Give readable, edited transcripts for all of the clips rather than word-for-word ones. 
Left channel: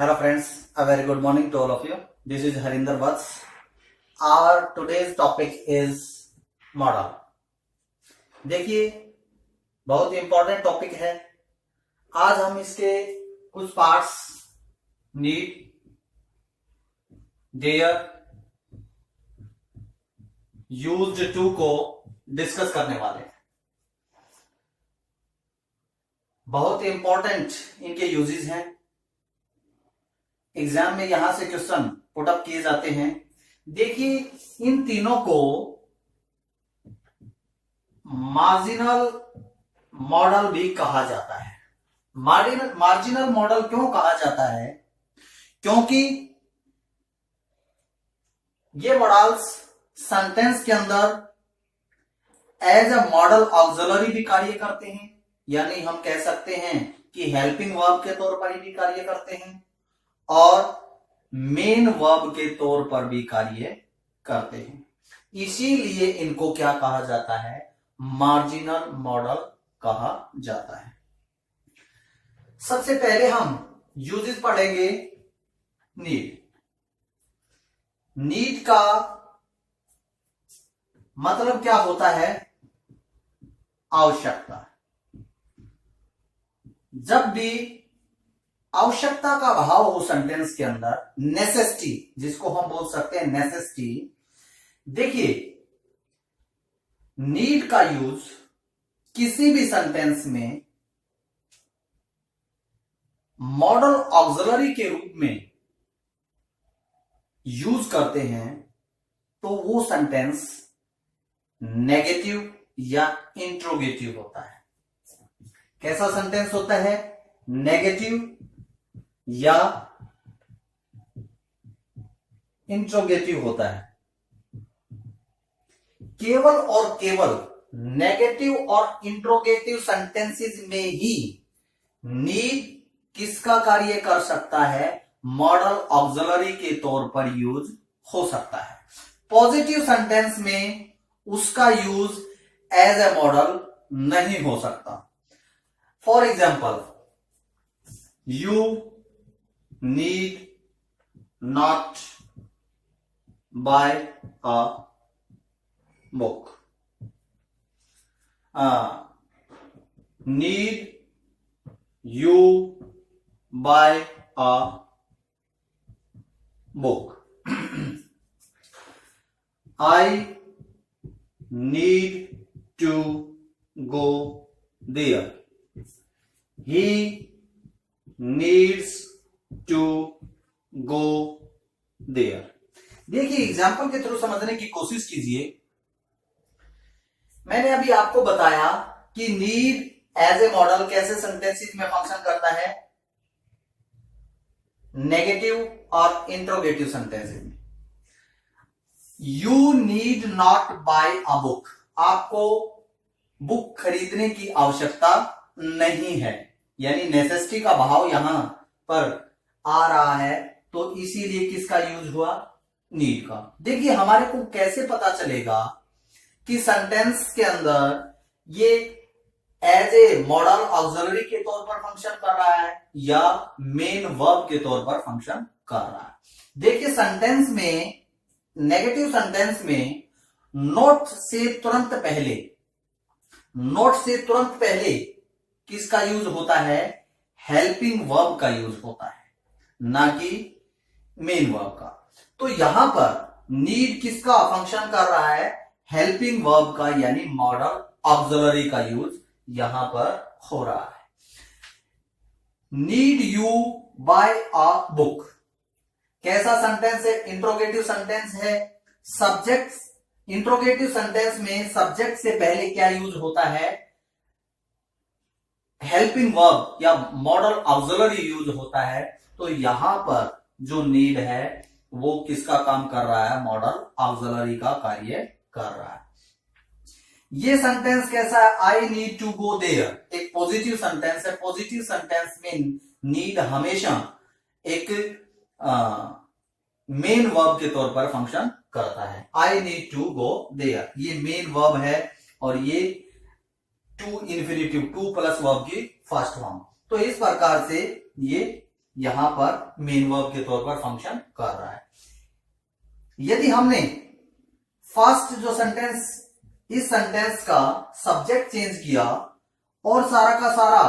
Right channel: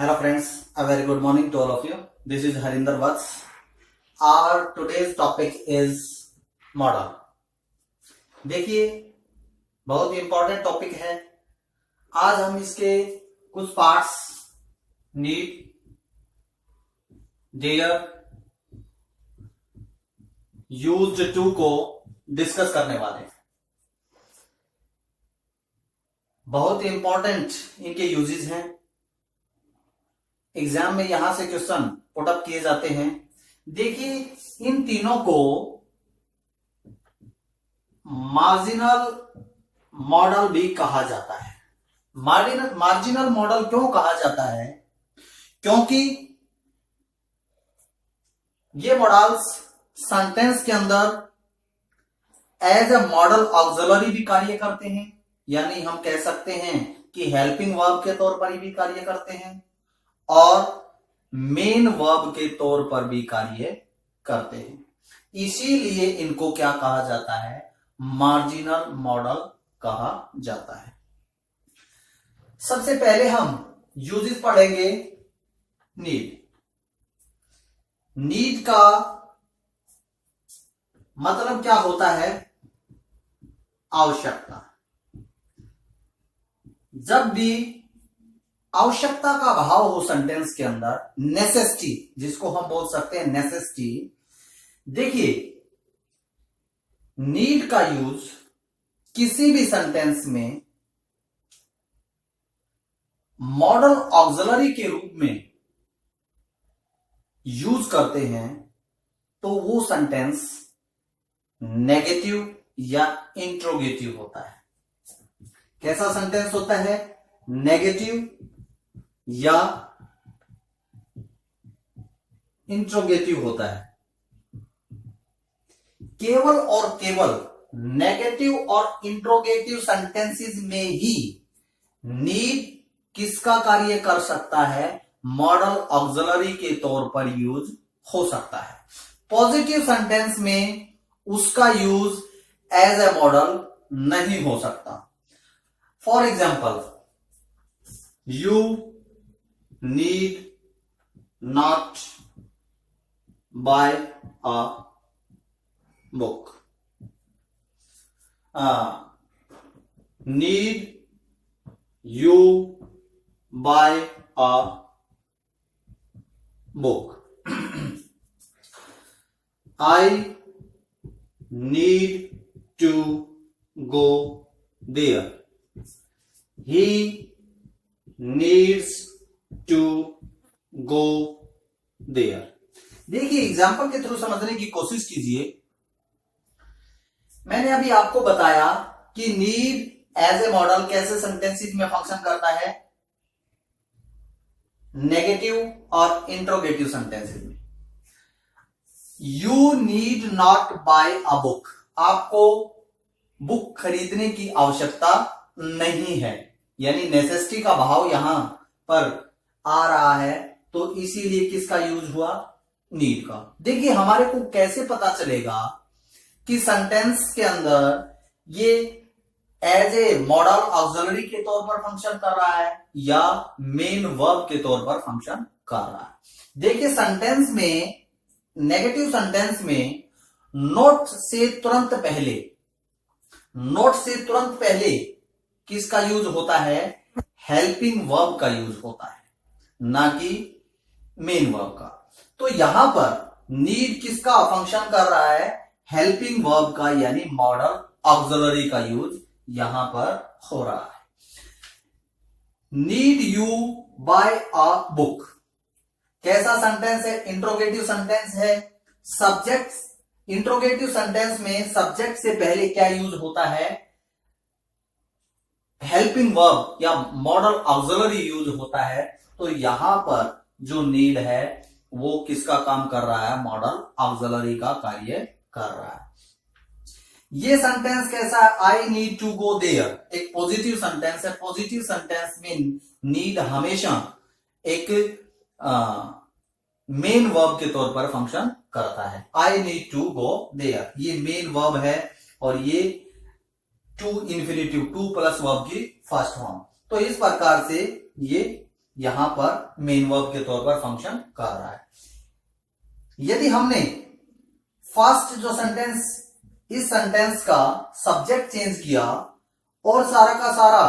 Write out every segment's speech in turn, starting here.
Hello friends, a very good morning to all of you. This is Harinder Vats. Our today's topic is model. देखिए बहुत ही important topic है. आज हम इसके कुछ parts need, dare, used to को डिस्कस करने वाले हैं. बहुत ही इंपॉर्टेंट इनके यूजेस हैं. एग्जाम में यहां से क्वेश्चन पुट अप किए जाते हैं. देखिए इन तीनों को मार्जिनल मॉडल भी कहा जाता है. मार्जिनल मॉडल क्यों कहा जाता है? क्योंकि ये मॉडल्स सेंटेंस के अंदर एज अ मॉडल ऑक्सिलरी भी कार्य करते हैं, यानी हम कह सकते हैं कि हेल्पिंग वर्ब के तौर पर भी कार्य करते हैं और मेन वर्ब के तौर पर भी कार्य करते हैं. इसीलिए इनको क्या कहा जाता है? मार्जिनल मॉडल कहा जाता है. सबसे पहले हम यूजेस पढ़ेंगे. नीड. नीड का मतलब क्या होता है? आवश्यकता. जब भी आवश्यकता का भाव हो सेंटेंस के अंदर, नेसेसिटी जिसको हम बोल सकते हैं नेसेसिटी. देखिए नीड का यूज किसी भी सेंटेंस में मॉडल ऑक्सिलरी के रूप में यूज करते हैं तो वो सेंटेंस नेगेटिव या इंट्रोगेटिव होता है. कैसा सेंटेंस होता है? नेगेटिव या इंट्रोगेटिव होता है. केवल और केवल नेगेटिव और इंट्रोगेटिव सेंटेंसेस में ही नीड किसका कार्य कर सकता है? मॉडल ऑक्सिलरी के तौर पर यूज हो सकता है. पॉजिटिव सेंटेंस में उसका यूज एज ए मॉडल नहीं हो सकता. For example, you need not buy a book. Need you buy a book. I need to go there. He needs to go there. देखिए एग्जाम्पल के थ्रू समझने की कोशिश कीजिए. मैंने अभी आपको बताया कि नीड एज ए मॉडल कैसे सेंटेंसेस में फंक्शन करता है? नेगेटिव और इंट्रोगेटिव सेंटेंसेस में. You need not buy a book. आपको बुक खरीदने की आवश्यकता नहीं है, यानी नेसेसिटी का भाव यहां पर आ रहा है, तो इसीलिए किसका यूज हुआ? नीड का. देखिए हमारे को कैसे पता चलेगा कि सेंटेंस के अंदर ये एज ए मॉडल ऑक्सिलरी के तौर पर फंक्शन कर रहा है या मेन वर्ब के तौर पर फंक्शन कर रहा है? देखिए सेंटेंस में, नेगेटिव सेंटेंस में नोट से तुरंत पहले किसका यूज होता है? हेल्पिंग वर्ब का यूज होता है, ना कि मेन वर्ब का. तो यहां पर नीड किसका फंक्शन कर रहा है? हेल्पिंग वर्ब का, यानी मॉडल ऑक्सिलरी का यूज यहां पर हो रहा है. Need you buy a book कैसा सेंटेंस है? इंट्रोगेटिव सेंटेंस है. सब्जेक्ट, इंट्रोगेटिव सेंटेंस में सब्जेक्ट से पहले क्या यूज होता है? हेल्पिंग वर्ब या मॉडल ऑक्सिलरी यूज होता है. तो यहां पर जो नीड है वो किसका काम कर रहा है? मॉडल ऑक्सिलरी का कार्य कर रहा है. ये सेंटेंस कैसा है? I need to go there एक पॉजिटिव सेंटेंस है. पॉजिटिव सेंटेंस में नीड हमेशा एक मेन वर्ब के तौर पर फंक्शन करता है. I need to go there ये मेन वर्ब है और ये to infinitive, to plus verb की फर्स्ट फॉर्म. तो इस प्रकार से ये यहां पर मेन वर्ब के तौर पर फंक्शन कर रहा है। यदि हमने फर्स्ट जो सेंटेंस, इस सेंटेंस का सब्जेक्ट चेंज किया और सारा का सारा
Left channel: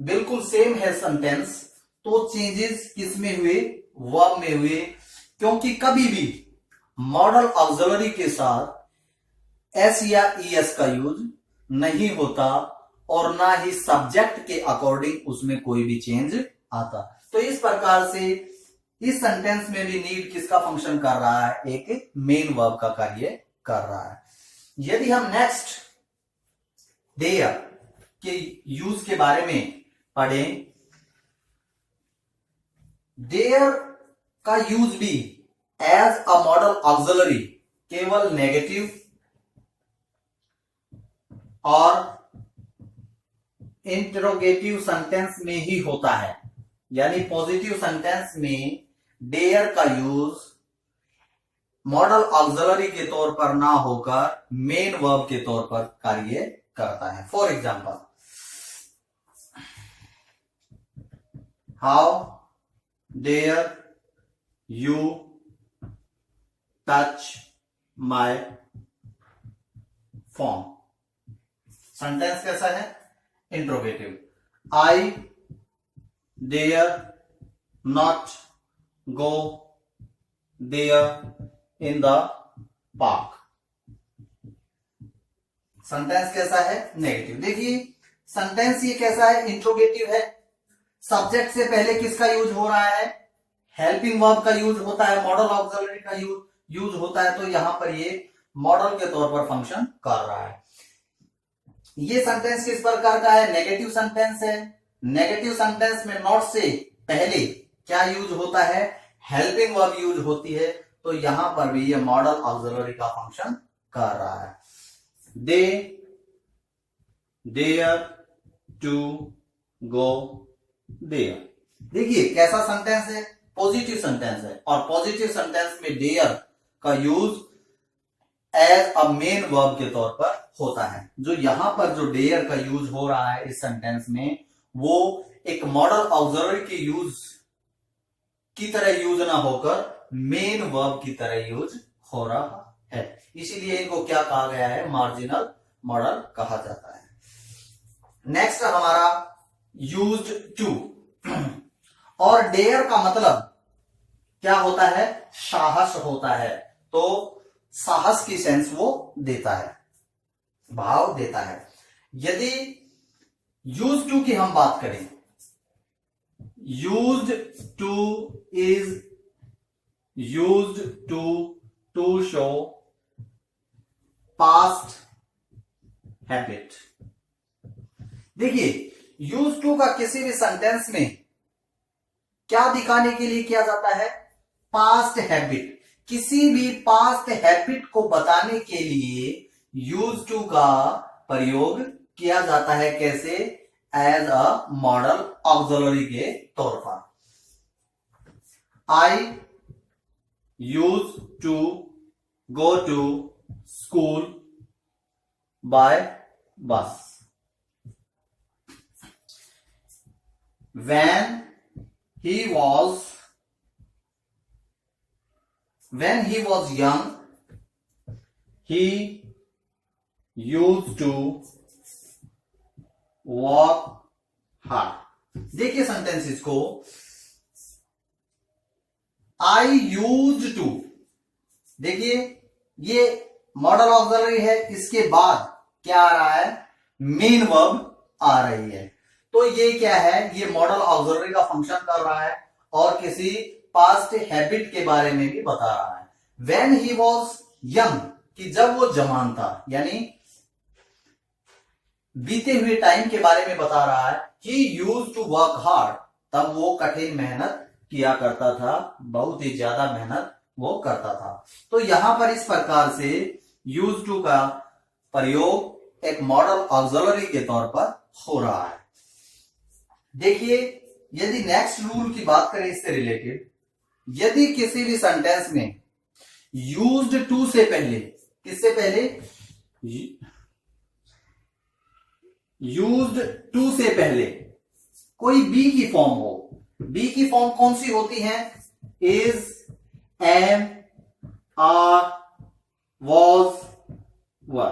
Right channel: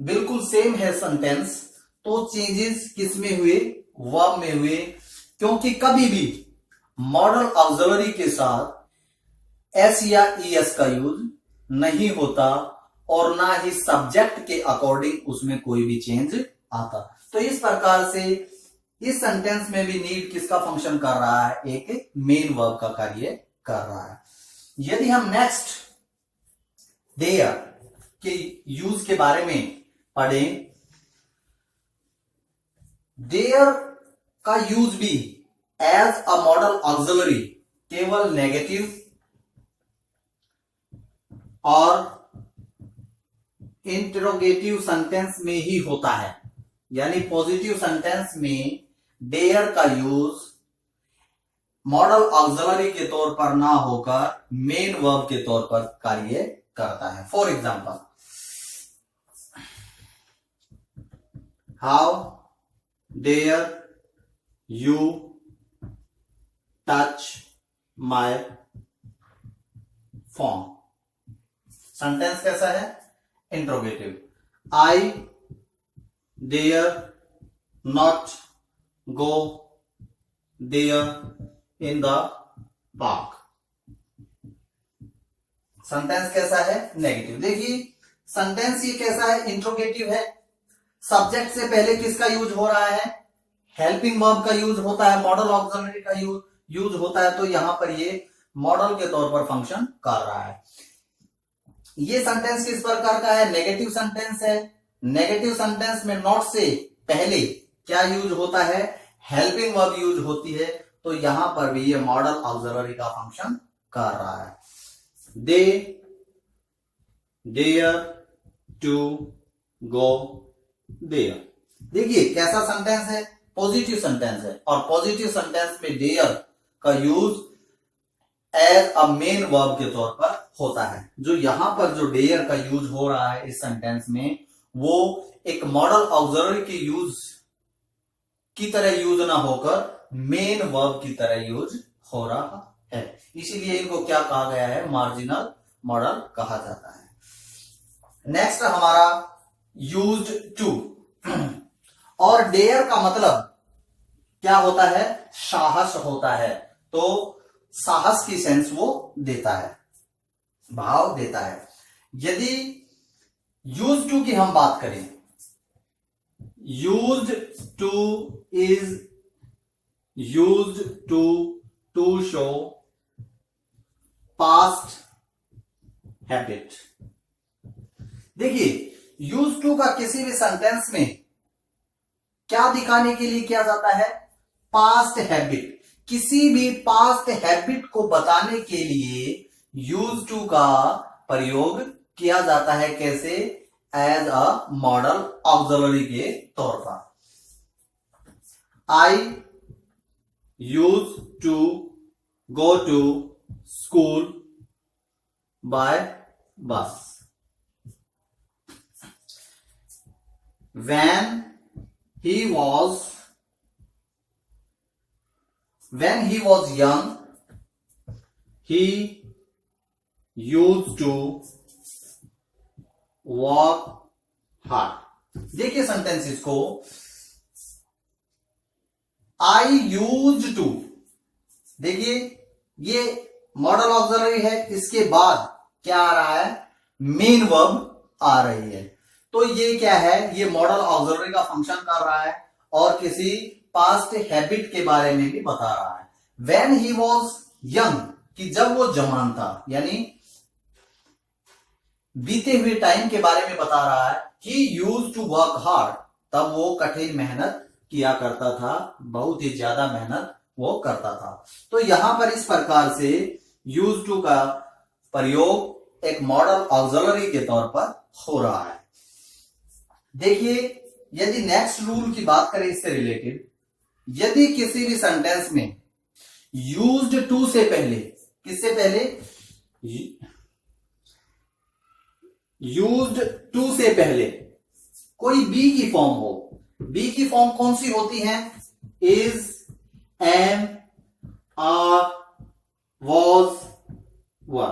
बिल्कुल सेम है सेंटेंस, तो चेंजेस किस में हुए? वर्ब में हुए, क्योंकि कभी भी मॉडल ऑक्सिलरी के साथ एस या ईएस का यूज नहीं होता और ना ही सब्जेक्ट के अकॉर्डिंग उसमें कोई भी चेंज आता। तो इस प्रकार से इस सेंटेंस में भी नीड किसका फंक्शन कर रहा है? एक मेन वर्ब का कार्य कर रहा है। यदि हम नेक्स्ट देयर के यूज के बारे में पढ़ें, देयर का यूज भी एज अ मॉडल ऑक्सिलरी केवल नेगेटिव और इंटरोगेटिव सेंटेंस में ही होता है। यानी पॉजिटिव सेंटेंस में डेयर का यूज मॉडल ऑक्सिलरी के तौर पर ना होकर मेन वर्ब के तौर पर कार्य करता है। For example, how dare you touch my phone. Sentence कैसा है? Interrogative. I dare not go there in the park. Sentence कैसा है? नेगेटिव। देखिए सेंटेंस ये कैसा है? इंट्रोगेटिव है। सब्जेक्ट से पहले किसका यूज हो रहा है? हेल्पिंग वर्ब का यूज होता है, मॉडल ऑक्सिलरी का यूज होता है। तो यहां पर ये मॉडल के तौर पर फंक्शन कर रहा है। ये सेंटेंस किस प्रकार का है? नेगेटिव सेंटेंस है। नेगेटिव सेंटेंस में नॉट से पहले क्या यूज होता है? हेल्पिंग वर्ब यूज होती है। तो यहां पर भी ये मॉडल ऑक्सिलरी का फंक्शन कर रहा है। They dare to go there. देखिए कैसा सेंटेंस है? पॉजिटिव सेंटेंस है और पॉजिटिव सेंटेंस में डेयर का use as a main verb के तौर पर होता है। जो यहां पर जो डेयर का यूज हो रहा है इस सेंटेंस में, वो एक मॉडल ऑक्सिलरी के यूज की तरह यूज ना होकर मेन वर्ब की तरह यूज हो रहा है। इसीलिए इनको क्या कहा गया है? मार्जिनल मॉडल कहा जाता है। नेक्स्ट हमारा यूज्ड टू। और डेयर का मतलब क्या होता है? साहस होता है। तो साहस की सेंस वो देता है, भाव देता है। यदि यूज टू की हम बात करें, used to is used to show past habit. देखिए यूज टू का किसी भी सेंटेंस में क्या दिखाने के लिए किया जाता है? Past habit. किसी भी पास्ट हैबिट को बताने के लिए यूज टू का प्रयोग किया जाता है। कैसे? एज अ मॉडल ऑक्सिलरी के तौर पर। I use to go to school by bus. When he was young, he used to work hard. देखिए सेंटेंसेस को, आई यूज टू। देखिए ये मॉडल ऑक्सिलरी है, इसके बाद क्या आ रहा है? मेन वर्ब आ रही है। तो ये क्या है? ये मॉडल ऑक्सिलरी का फंक्शन कर रहा है और किसी पास्ट हैबिट के बारे में भी बता रहा है। When he was young, कि जब वो जवान था, यानी बीते हुए टाइम के बारे में बता रहा है। He used to work hard, तब वो कठिन मेहनत किया करता था, बहुत ही ज्यादा मेहनत वो करता था। तो यहां पर इस प्रकार से यूज टू का प्रयोग एक मॉडल ऑक्सिलरी के तौर पर हो रहा है। देखिए यदि नेक्स्ट रूल की बात करें इससे रिलेटेड, यदि किसी भी सेंटेंस में यूज्ड टू से पहले, किससे पहले? यूज्ड टू से पहले कोई बी की फॉर्म हो, बी की फॉर्म कौन सी होती है? इज, एम, आर, वॉज, वर।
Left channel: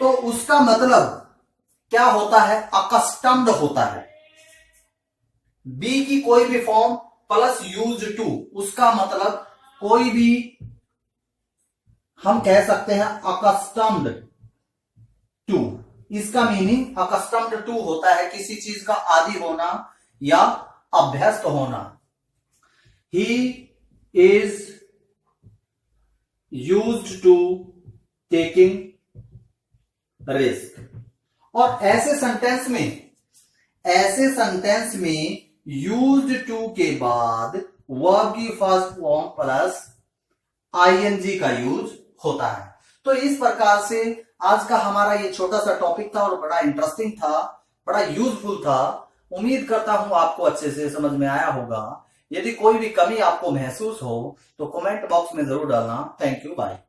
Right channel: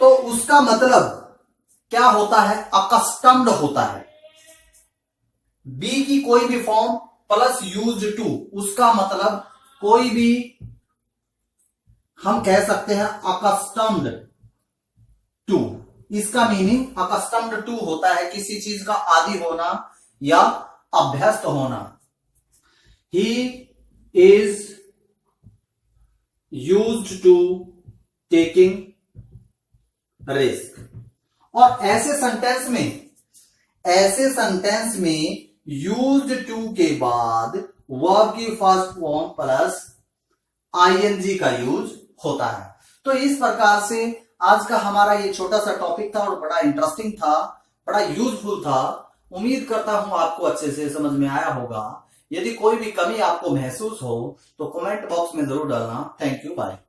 तो उसका मतलब क्या होता है? अकस्टम्ड होता है। बी की कोई भी फॉर्म प्लस यूज्ड टू, उसका मतलब कोई भी, हम कह सकते हैं अकस्टम्ड टू। इसका मीनिंग अकस्टम्ड टू होता है किसी चीज का आदी होना या अभ्यस्त होना। He is used to taking risk. और ऐसे सेंटेंस में यूज्ड टू के बाद वर्ब की फर्स्ट फॉर्म प्लस आईएनजी का यूज होता है। तो इस प्रकार से आज का हमारा ये छोटा सा टॉपिक था और बड़ा इंटरेस्टिंग था, बड़ा यूजफुल था। उम्मीद करता हूं आपको अच्छे से समझ में आया होगा। यदि कोई भी कमी आपको महसूस हो तो कमेंट बॉक्स में जरूर डालना। Thank you, bye.